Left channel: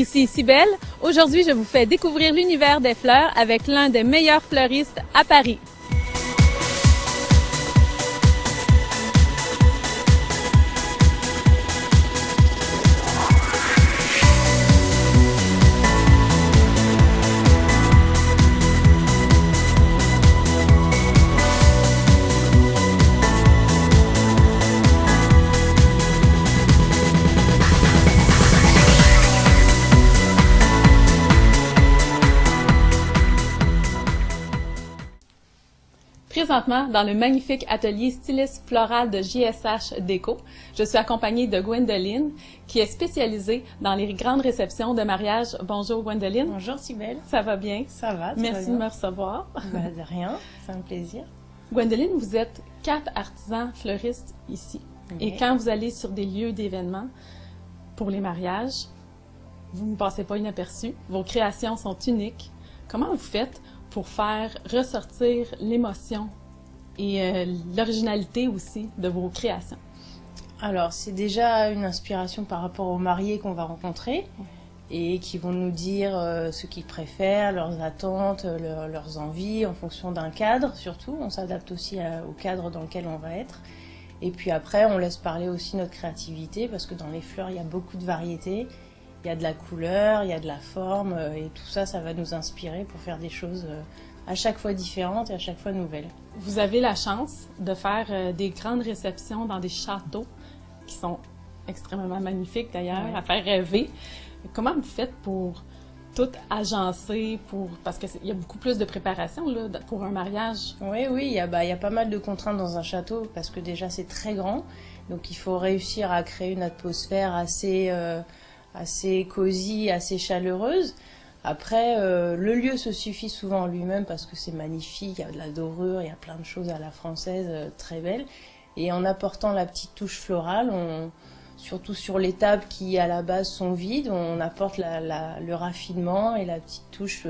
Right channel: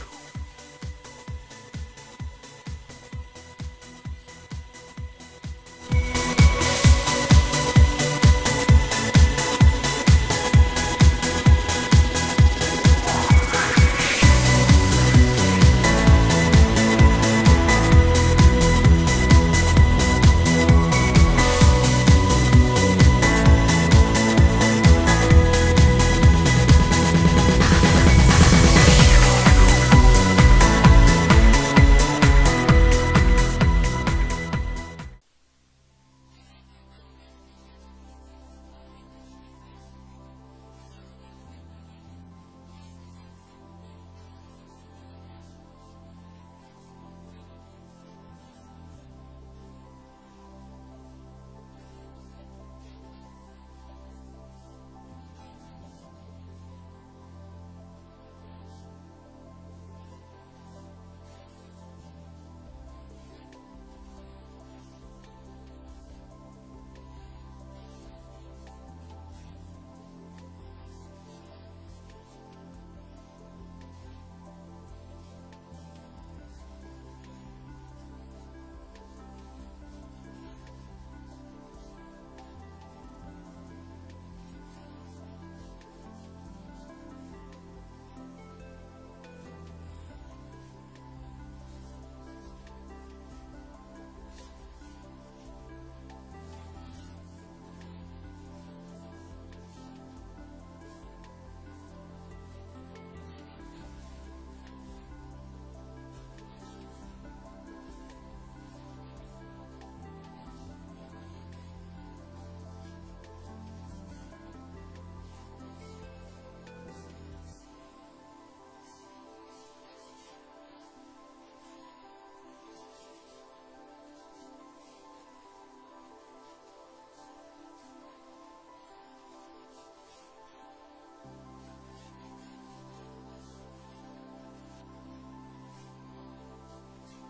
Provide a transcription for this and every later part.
Ici Cybelle. Aujourd'hui, je vous fais découvrir l'univers des fleurs avec l'un des meilleurs fleuristes à Paris. Présentement, dans le magnifique atelier styliste floral de JSH Déco, je suis accompagnée de Gwendoline, qui est spécialisée dans les grandes réceptions de mariage. Bonjour Gwendoline. Bonjour Cybelle. Ça va bien? Ça va, Merci de me recevoir. De rien, c'est un plaisir. Gwendoline, vous êtes 4 artisans fleuristes ici. Oui. Et quand vous allez sur des lieux d'événements pour les mariages, vous ne passez pas inaperçu. Vos créations sont uniques. Comment vous faites pour faire ressortir l'émotion et l'originalité aussi de vos créations? Alors, c'est déjà une inspiration par rapport aux mariés qu'on va rencontrer et qui vont nous dire ce qu'ils préfèrent, leurs attentes, leurs envies en fonction d'un cadre surtout. On s'adapte aussi au cadre dans lequel on va être. Et puis après, on laisse parler aussi notre créativité parce que dans les fleurs, il y a beaucoup de variétés. Il y a de la couleur, il y a de la forme et tout ça, ça va nous inspirer pour faire des choses à chaque fois différentes et à chaque fois nouvelles. Vous avez la chance de faire des grandes réceptions dans des châteaux qui sont extrêmement magnifiques d'ailleurs, Ouais. à faire rêver. Comment vous faites pour tout agencer, parce qu'il y a beaucoup plus de préparation là, pour un mariage? Oui, il y a pas mal de contraintes dans un château parce que déjà c'est très grand. Donc il faut réussir à créer une atmosphère assez cosy, assez chaleureuse. Après, le lieu se suffit souvent en lui-même parce que c'est magnifique, il y a de la dorure, il y a plein de choses à la française très belles. Et en apportant la petite touche florale, surtout sur les tables qui à la base sont vides, on apporte le raffinement et la petite touche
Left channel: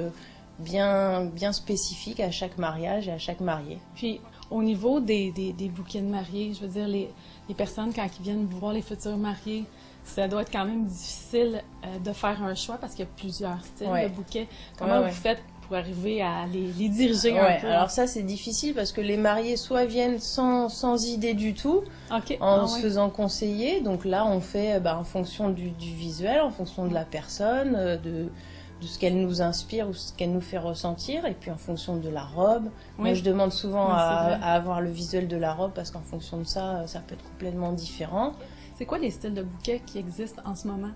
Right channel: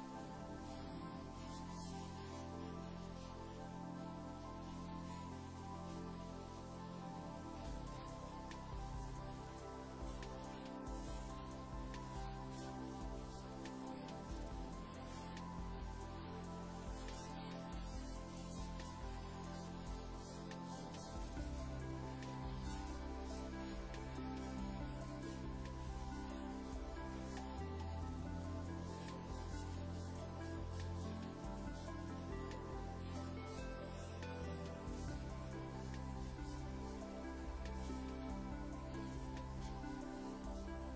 bien spécifique à chaque mariage et à chaque marié. Puis au niveau des bouquets de mariés, je veux dire, les personnes quand ils viennent voir les futurs mariés, ça doit être quand même difficile de faire un choix parce qu'il y a plusieurs styles Ouais. de bouquets. Comment vous faites pour arriver à les diriger un peu? Alors ça c'est difficile parce que les mariés soit viennent sans idée du tout, Okay. en se faisant conseiller. Donc là on fait en fonction du visuel, en fonction de la personne, de ce qu'elle nous inspire ou ce qu'elle nous fait ressentir, et puis en fonction de la robe. Oui. Moi je demande souvent Oui, c'est vrai. à avoir le visuel de la robe parce qu'en fonction de ça, ça peut être complètement différent. C'est quoi les styles de bouquets qui existent en ce moment?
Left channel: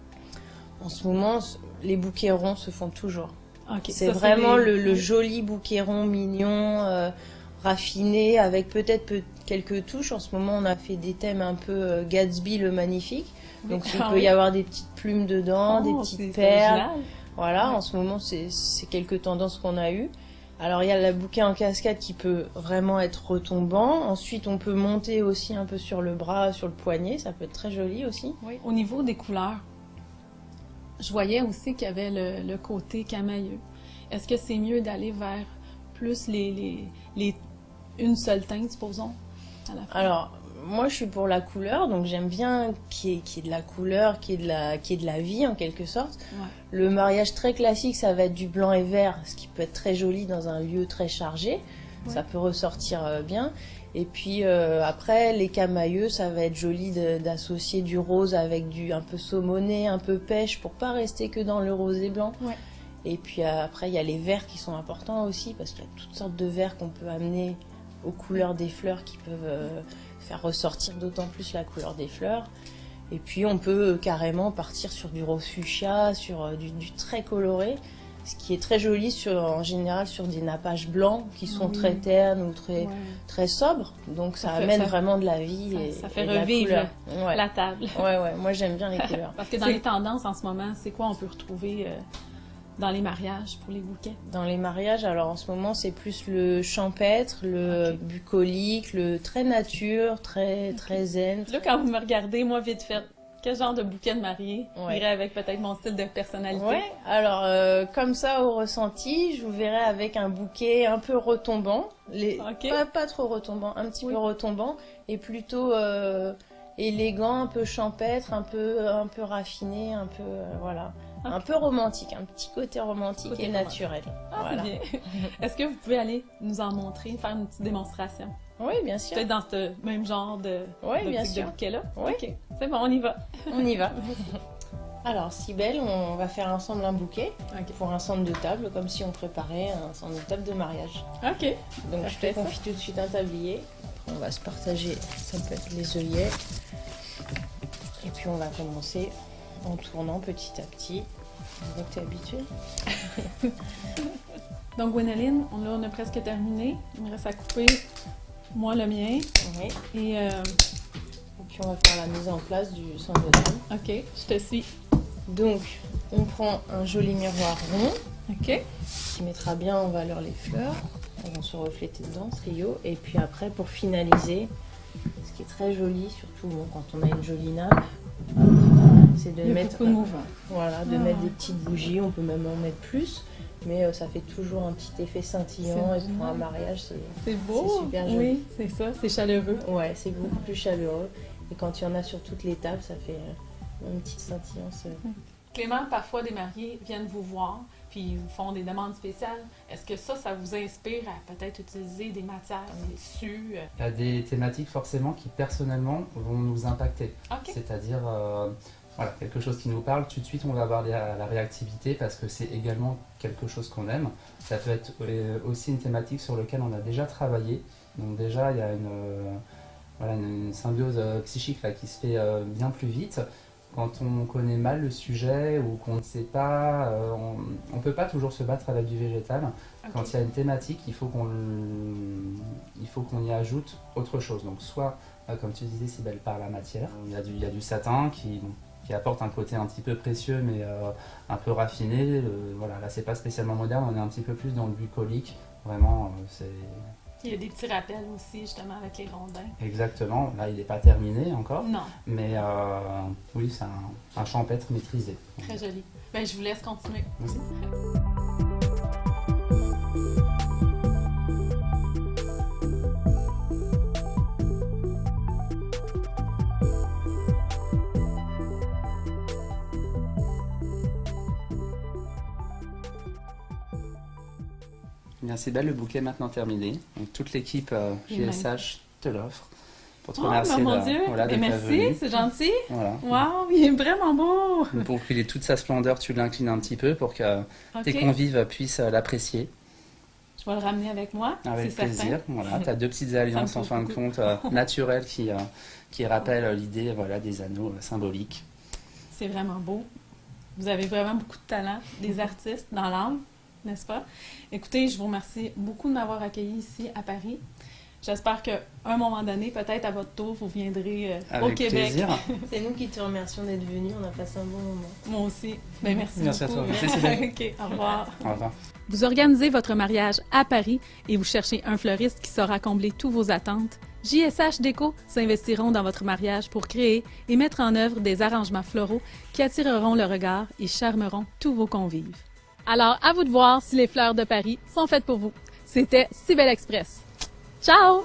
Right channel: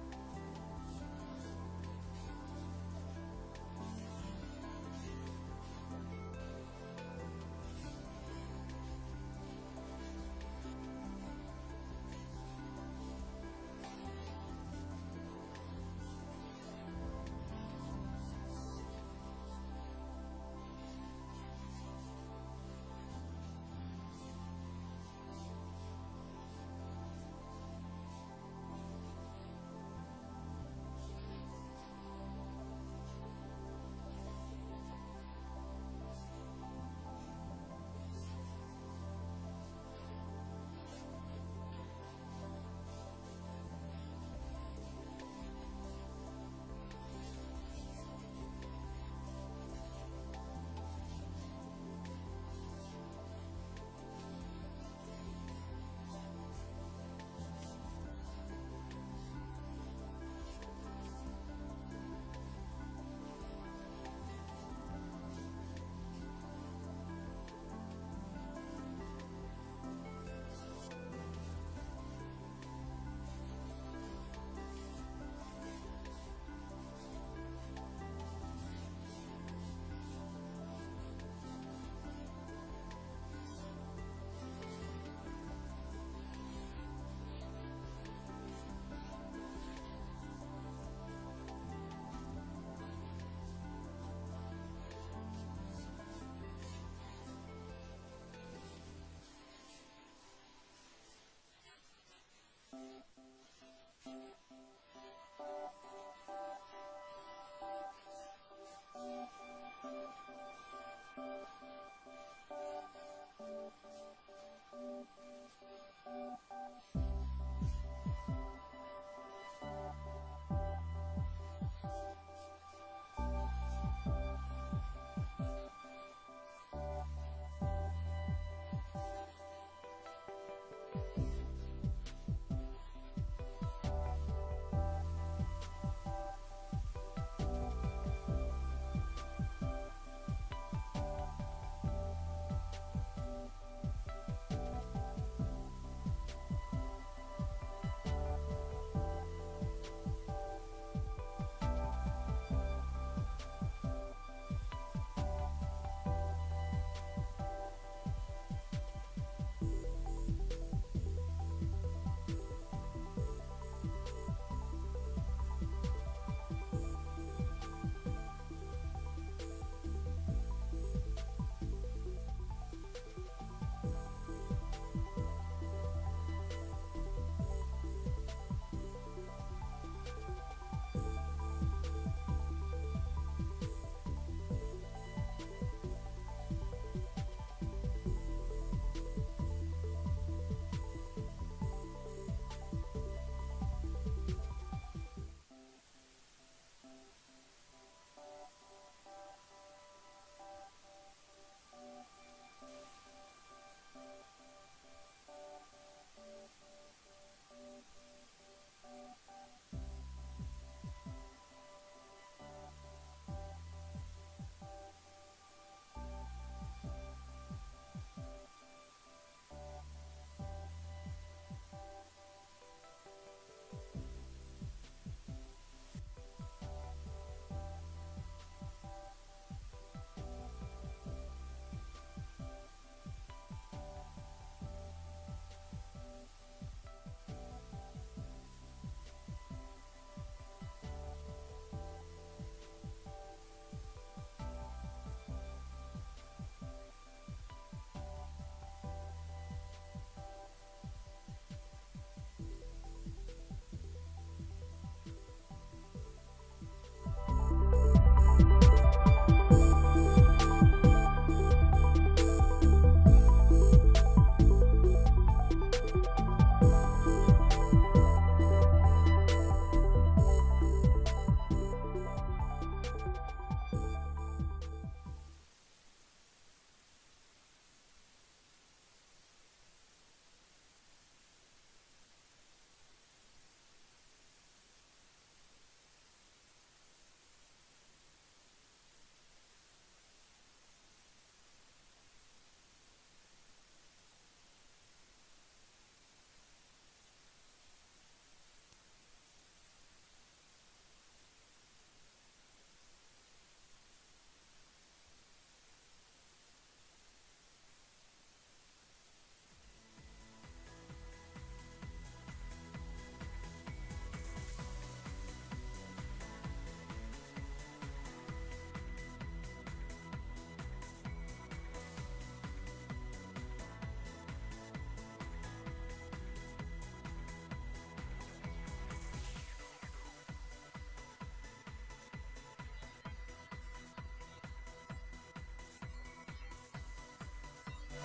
En ce moment, les bouquets ronds se font toujours. Okay, C'est ça, vraiment le joli bouquet rond mignon, raffiné, avec peut-être quelques touches. En ce moment, on a fait des thèmes un peu Gatsby le magnifique. Donc il peut y avoir des petites plumes dedans, des petites perles. Original. Voilà, en ce moment, c'est quelques tendances qu'on a eues. Alors il y a le bouquet en cascade qui peut vraiment être retombant. Ensuite, on peut monter aussi un peu sur le bras, sur le poignet. Ça peut être très joli aussi. Oui. Au niveau des couleurs, je voyais aussi qu'il y avait le côté camailleux. Est-ce que c'est mieux d'aller vers plus une seule teinte, supposons, à la fin? Alors, moi je suis pour la couleur, donc j'aime bien qu'il y ait de la couleur, qu'il y ait de la vie en quelque sorte. Ouais. Le mariage très classique, ça va être du blanc et vert, ce qui peut être très joli dans un lieu très chargé. Ouais. Ça peut ressortir bien. Et puis après, les camailleux, ça va être joli d'associer du rose avec du un peu saumoné, un peu pêche, pour pas rester que dans le rose et blanc. Ouais. Et puis après, il y a les verts qui sont importants aussi, parce qu'il y a toutes sortes de verts qu'on peut amener aux couleurs des fleurs qui peuvent faire ressortir d'autant plus la couleur des fleurs. Et puis on peut carrément partir sur du rose fuchsia, sur du très coloré, ce qui est très joli en général sur des nappages blancs qui sont très ternes ou très sobres. Donc ça amène vraiment de la vie ça fait et de la revivre couleur. Ouais. la table. Ouais, moi j'aime bien les couleurs. Parce que dans les tendances en ce moment, c'est quoi on peut retrouver dans les mariages pour les bouquets? Dans les mariages, alors en ce moment, c'est plus le champêtre, le bucolique, le très nature, très zen. Là, quand vous me regardez, moi, vite fait, quel genre de bouquet de mariée irait avec peut-être mon style de personnalité? Ouais, alors comme ça, au ressenti, je vous verrais avec un bouquet un peu retombant. Pas trop retombant, un petit peu retombant, et plutôt élégant, un peu champêtre, un peu raffiné, un peu voilà, un peu romantique, un petit côté romantique et naturel. Ah, Voilà. c'est bien. Est-ce que vous pouvez aller nous en montrer, faire une petite démonstration? Oui, bien sûr. Peut-être dans ce même genre de, Oui, bien sûr. de bouquet-là? Oui. Ok, c'est bon, on y va. On y va. Alors, Cybèle, on va faire ensemble un bouquet pour un centre de table, comme si on préparait un centre de table de mariage. Ok. Donc, Parfait, je te confie tout de suite un tablier. On va se partager, ça peut être les œillets. Et puis, on va commencer en tournant petit à petit. Donc, tu es habituée? Donc, Gwénoline, on a presque terminé. Il me reste à couper, moi, le mien. Oui. Et, Puis, on va faire la mise en place du centre de table. ok, je te suis. Donc, on prend un joli miroir rond Ok. qui mettra bien en valeur les fleurs. Elles vont se refléter dedans, ce trio. Et puis après, pour finaliser, ce qui est très joli, surtout bon, quand on a une jolie nappe, c'est de Il y a mettre, beaucoup de mouvement. voilà, de Ah. mettre des petites bougies. On peut même en mettre plus, mais ça fait toujours un petit effet scintillant. C'est Et pour un génial. mariage, C'est beau. C'est super joli. Oui, c'est ça, c'est chaleureux. ouais, c'est beaucoup plus chaleureux. Et quand il y en a sur toutes les tables, ça fait une petite scintillance. Clément, parfois des mariés viennent vous voir, puis ils vous font des demandes spéciales. Est-ce que ça vous inspire à peut-être utiliser des matières tissus? Il y a des thématiques forcément qui personnellement vont nous impacter. Ok. C'est-à-dire voilà, quelque chose qui nous parle, tout de suite on va avoir la réactivité parce que c'est également quelque chose qu'on aime. Ça peut être aussi une thématique sur laquelle on a déjà travaillé. Donc déjà il y a une symbiose psychique là, qui se fait bien plus vite. Quand on connaît mal le sujet ou qu'on ne sait pas, on ne peut pas toujours se battre avec du végétal. Ok. Quand il y a une thématique, il faut qu'on y ajoute autre chose. Donc soit, comme tu disais, Cybèle, par la matière. Il y a du satin qui apporte un côté un petit peu précieux mais un peu raffiné. Voilà, là c'est pas spécialement moderne, on est un petit peu plus dans le bucolique. Vraiment, c'est... Il y a des petits rappels aussi, justement, avec les rondins. Exactement, là il n'est pas terminé encore, Non, mais oui, c'est un champêtre maîtrisé. très joli. Ben, je vous laisse continuer. Bien, c'est belle, le bouquet est maintenant terminé. Donc, toute l'équipe Il est GSH te l'offre pour te Oh, remercier mon de, Dieu! voilà, Ben, d'être merci, venu. c'est gentil. Voilà. Wow, il est vraiment beau! Pour qu'il ait toute sa splendeur, tu l'inclines un petit peu pour que tes Ok, convives puissent l'apprécier je vais le ramener avec moi, avec c'est plaisir. certain. Voilà, tu as deux petites alliances me en touche fin de beaucoup. compte naturelles qui rappellent l'idée voilà, des anneaux symboliques. C'est vraiment beau. Vous avez vraiment beaucoup de talent, des artistes dans l'âme, n'est-ce pas? Écoutez, je vous remercie beaucoup de m'avoir accueilli ici à Paris. J'espère qu'à un moment donné, peut-être à votre tour, vous viendrez au Avec Québec. plaisir. C'est nous qui te remercions d'être venus. On a passé un bon moment. Moi aussi. Ben, merci Merci à beaucoup. toi. Merci, Sylvain. OK, au revoir. Au revoir. Vous organisez votre mariage à Paris et vous cherchez un fleuriste qui saura combler tous vos attentes? JSH Déco s'investiront dans votre mariage pour créer et mettre en œuvre des arrangements floraux qui attireront le regard et charmeront tous vos convives. Alors, à vous de voir si les fleurs de Paris sont faites pour vous. C'était Cybèle Express. Ciao!